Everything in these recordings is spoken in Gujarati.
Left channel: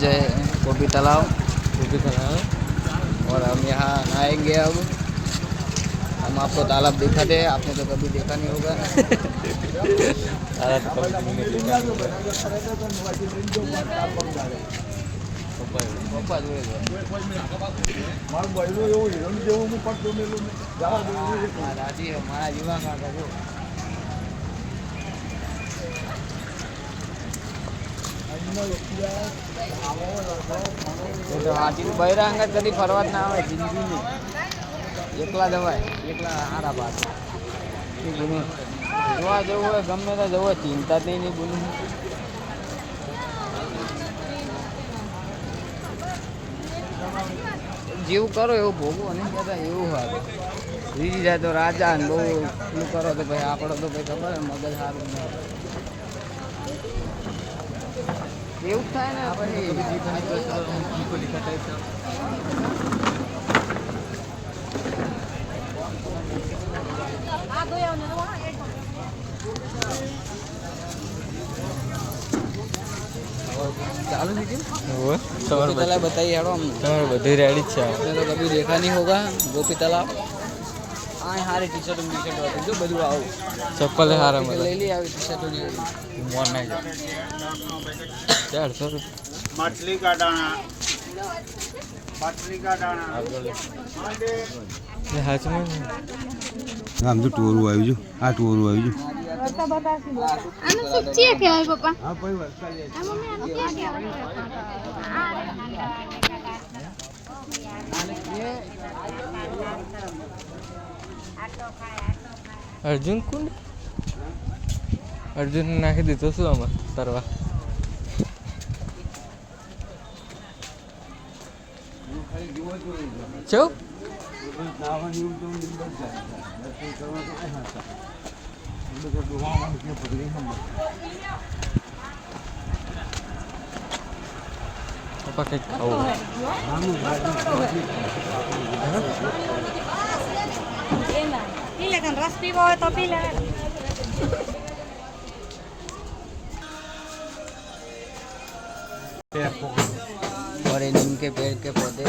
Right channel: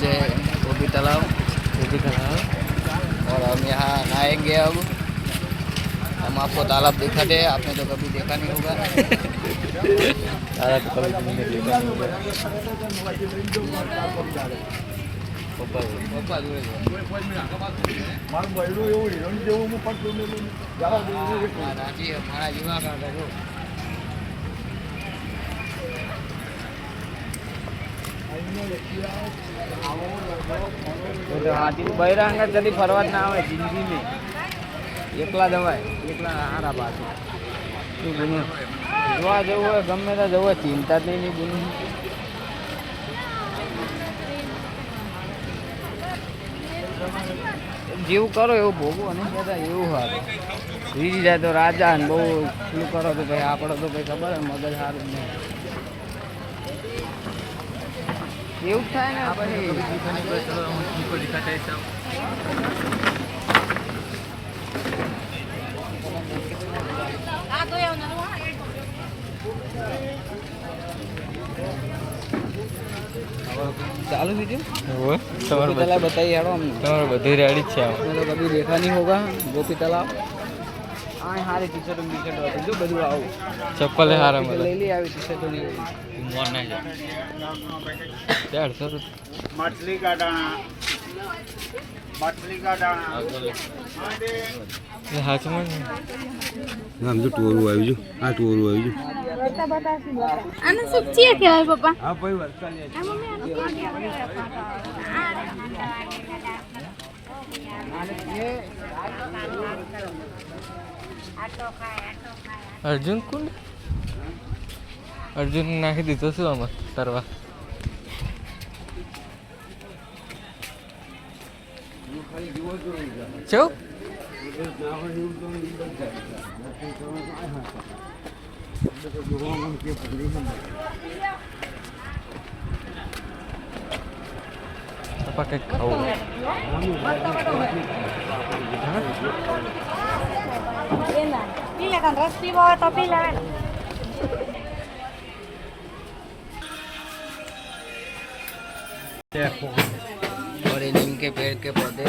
जो है गोपी तालाब और हम यहाँ नहाएंगे अब। हम आपको तालाब दिखाते हैं, आपने तो कभी देखा नहीं होगा। પપ્પા જોડે મારા જીવા કાકા જો હાથી બૈરા અંગત કદી ફરવા જ ના આવે જિંદગીની. એકલા જવાય, એકલા હારા બાદ જોવા જવું હોય ગમે તો જવું હોય, ચિંતા તો નહીં બોલું. જેવું કરો એવું ભોગવું અને બધા એવું સારું રીજી જાય તો રાજા ને બહુ શું કરો તો ભાઈ આપણે તો ભાઈ ખબર મગજ સારું નહીં એવું થાય ને આપણે चालू वीडियो गोपी तालाब बताइए यारो हम बधी रेडी છે तो कभी देखा नहीं होगा गोपी तालाब. आ हारे टी शर्ट जो બધું આવું ચપ્પલ હારા મળે લઈ લે આવી ટી શર્ટ ને મોર ના લે 400 मछली का दाना ये હાચમાં આમ તો ટોરું આવ્યું છે. આ ટોરું આવ્યું છે. આને શું છે કહેવાય પપ્પા? હા ભાઈ વરસાદ લે અર્જુન કુંડ અર્જુન નાખી દીધો શું આમાં તરવા છો apa kayak kau પીલા રસ પીવો હોય તો પીલા. बड़े नीम के पेड़ के पौधे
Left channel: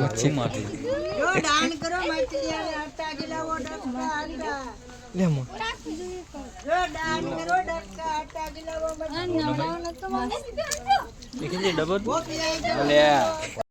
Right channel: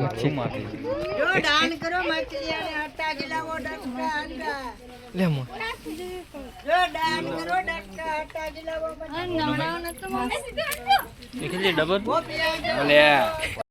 मच्छी मारी ले मो નવડાવ નતો મમ્મી. દેખી લે ડબલ अरे